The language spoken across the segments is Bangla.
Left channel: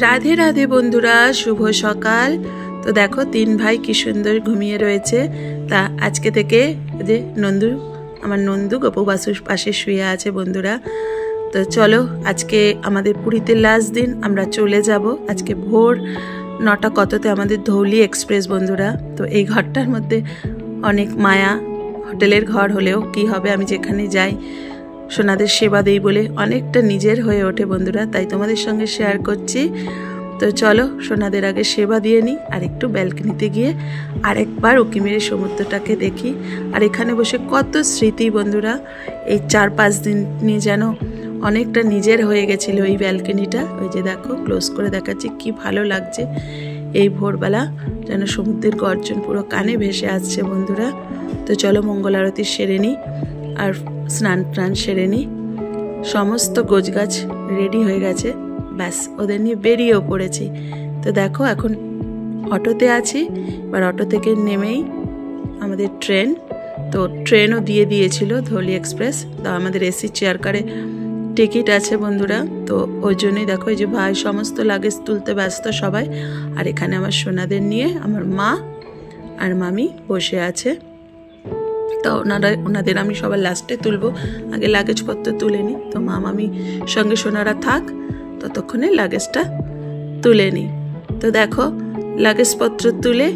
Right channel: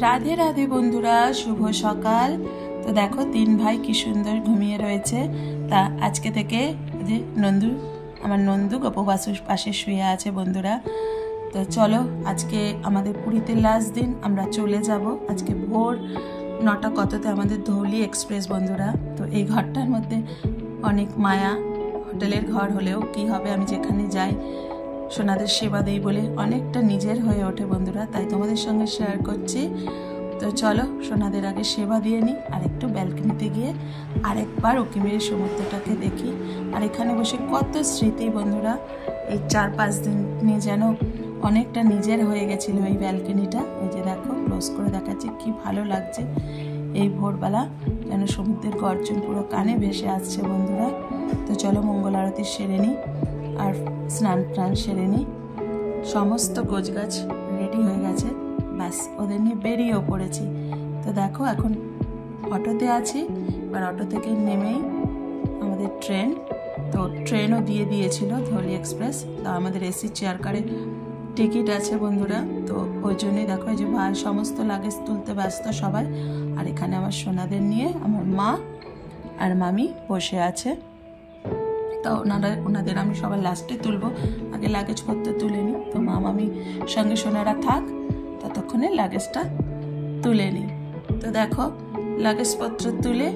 राधे राधे बंधुरा शुभ सकाल। तो देखो तीन भाई कि सुंदर घुमिए रयेछे। ता आजके थेके जे नंदू आमार नंदू गपु बासुर पाशे शुए आछे बंधुरा। तो चलो आजके आमादेर पुरीते लास्ट दिन आमरा चले जाबो। आजके भोर 9टा कतते आमादेर धौली एक्सप्रेस बंधुरा। तो এই ঘরটার মধ্যে অনেক মায়া। হোটেলের ঘর হলেও কি হবে আমি যেখানে যাই সোনাদের সেবা দেই বলে অনেকটা নিজের হয়ে ওঠে বন্ধুরা। তাই তোমাদের সঙ্গে শেয়ার করছি। তো চলো সোনাদের আগে সেবা দিয়ে নিই আর একটু ব্যালকনিতে গিয়ে আরেকবার উকিমের সমুদ্রটাকে দেখি। আর এখানে বসে কত স্মৃতি বন্ধুরা। এই 4-5 দিন নিয়ে যেন অনেকটা নিজের হয়ে গেছিল এই ব্যালকনিটা। ওই যে দেখো ক্লোজ করে দেখাচ্ছি কি ভালো লাগছে। এই ভোরবেলা যেন সমুদ্রের গর্জন পুরো কানে ভেসে আসছে বন্ধুরা। তো চলো মঙ্গল আরতি সেরে নিই আর স্নান প্রাণ সেরে নিই। সমস্ত গোছগাছ রেডি হয়ে গেছে, ব্যাস ওদের নিয়ে বেরিয়েও পড়েছি। তো দেখো এখন অটোতে আছি। এবার অটো থেকে নেমেই আমাদের ট্রেন। তো ট্রেনও দিয়ে দিয়েছিল ধৌলি এক্সপ্রেস। তো আমাদের এসি চেয়ার কারে টিকিট আছে বন্ধুরা। তো ওই জন্যই দেখো এই যে ভাই সমস্ত লাগেজ তুলতে ব্যস্ত সবাই। আর এখানে আমার সোনাদের নিয়ে আমার মা আর মামি বসে আছে। তো ওনাদের আমি সবার লাস্টে তুলবো, আগে লাগেজপত্র তুলে নিই। তো মা মামি সঙ্গে সোনারা থাক, ততক্ষণে লাগেজটা তুলে নিই। তো দেখো লাগেজপত্র তুলে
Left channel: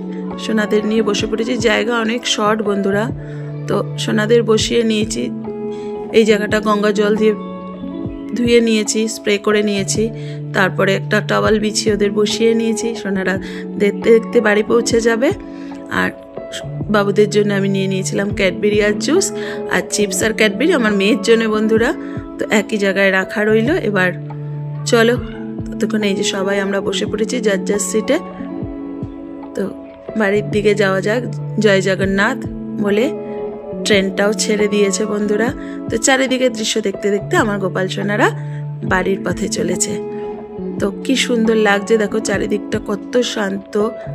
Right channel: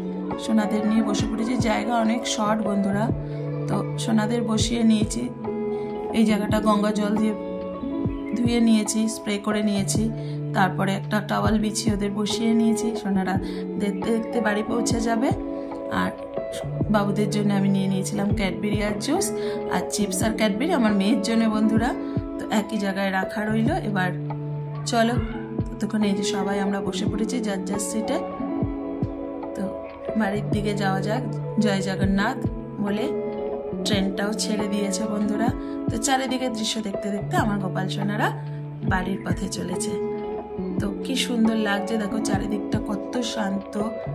সোনাদের নিয়ে বসে পড়েছি। জায়গা অনেক শর্ট বন্ধুরা। তো সোনাদের বসিয়ে নিয়েছি। এই জায়গাটা গঙ্গা জল দিয়ে ধুয়ে নিয়েছি, স্প্রে করে নিয়েছি। তারপরে একটা টাওয়াল বিছিয়ে ওদের বসিয়ে নিয়েছি। সোনারা দেখতে দেখতে বাড়ি পৌঁছে যাবে। আর বাবুদের জন্য আমি নিয়ে নিয়েছিলাম ক্যাডবেরি আর জুস আর চিপস আর ক্যাডবেরি আমার মেয়ের জন্য বন্ধুরা। তো একই জায়গায় রাখা রইল। এবার চলো ততক্ষণ এই যে সবাই আমরা বসে পড়েছি যার যার সিটে। তো বাড়ির দিকে যাওয়া যাক। জয় জগন্নাথ বলে ট্রেনটাও ছেড়ে দিয়েছে বন্ধুরা। তো চারিদিকে দৃশ্য দেখতে দেখতে আমার গোপাল সোনারা বাড়ির পথে চলেছে। তো কি সুন্দর লাগছে দেখো, চারিদিকটা কত শান্ত।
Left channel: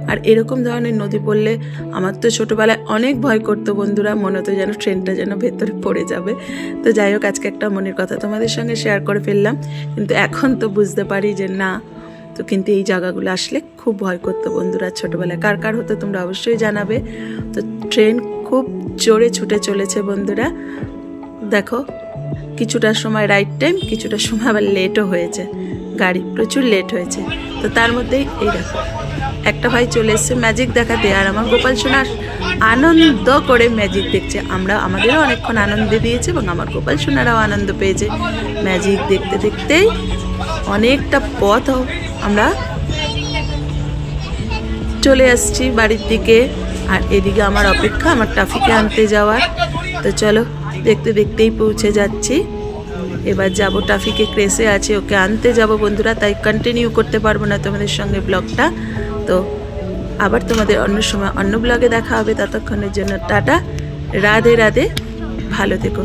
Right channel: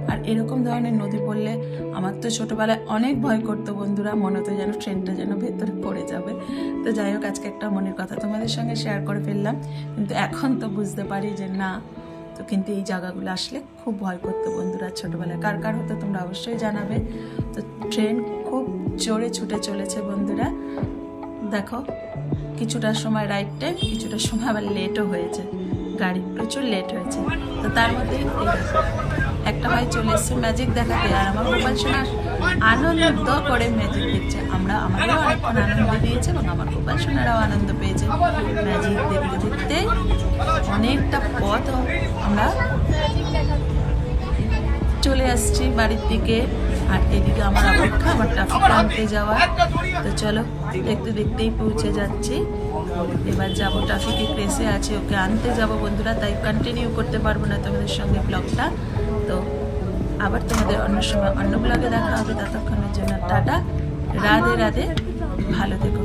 আর এরকম ধরনের নদী পড়লে আমার তো ছোটবেলায় অনেক ভয় করতো বন্ধুরা। মনে হতো যেন ট্রেনটা যেন ভেতরে পড়ে যাবে। তো যাই হোক আজকে একটা মনের কথা তোমাদের সঙ্গে শেয়ার করে ফেললাম। কিন্তু এখন তো বুঝতে পারি যে না। তো কিন্তু এই জায়গাগুলো আসলে খুব ভয় করতো বন্ধুরা ছোটবেলায়। কার কার হতো তোমরা অবশ্যই জানাবে। তো ট্রেন খুব জোরে ছুটে চলেছে বন্ধুরা। দেখো কিছুটা সময় রাইট টাইম, কিছুটা সময় আবার লেটও হয়েছে। গাড়ি প্রচুর লেট হয়েছে। তো তার মধ্যেই এই দেখো একটা ভাই চলে এসছে ম্যাজিক দেখাতে। আর আমার গোপাল সোনা আনন্দ করে ম্যাজিক দেখছে। আমাদেরও অনেকক্ষণ আনন্দ দিয়েছে এবং আমার গোপাল সোনারাও আনন্দ পেয়েছে ম্যাজিক দেখতে দেখতেই। অনেকটা পথ আমরা চলে আসছি বাড়ির দিকে। আর এদিকে আমার অপেক্ষা আমার টাফিকে আনতে যাওয়ার। তো চলো দেখতে দেখতেই পৌঁছে যাচ্ছি। এবার যাব টাফিকে ক্রেসে আছে, ওকে আনতে যাব বন্ধুরা। তাই কন্টিনিউ করতে পারবো না তোমাদের সঙ্গে ব্লগটা। তো আবার তোমাদের অন্য সময় অন্য ব্লগে দেখা হবে। ততক্ষণের জন্য টাটা, রাধে রাধে, ভালো থেকো।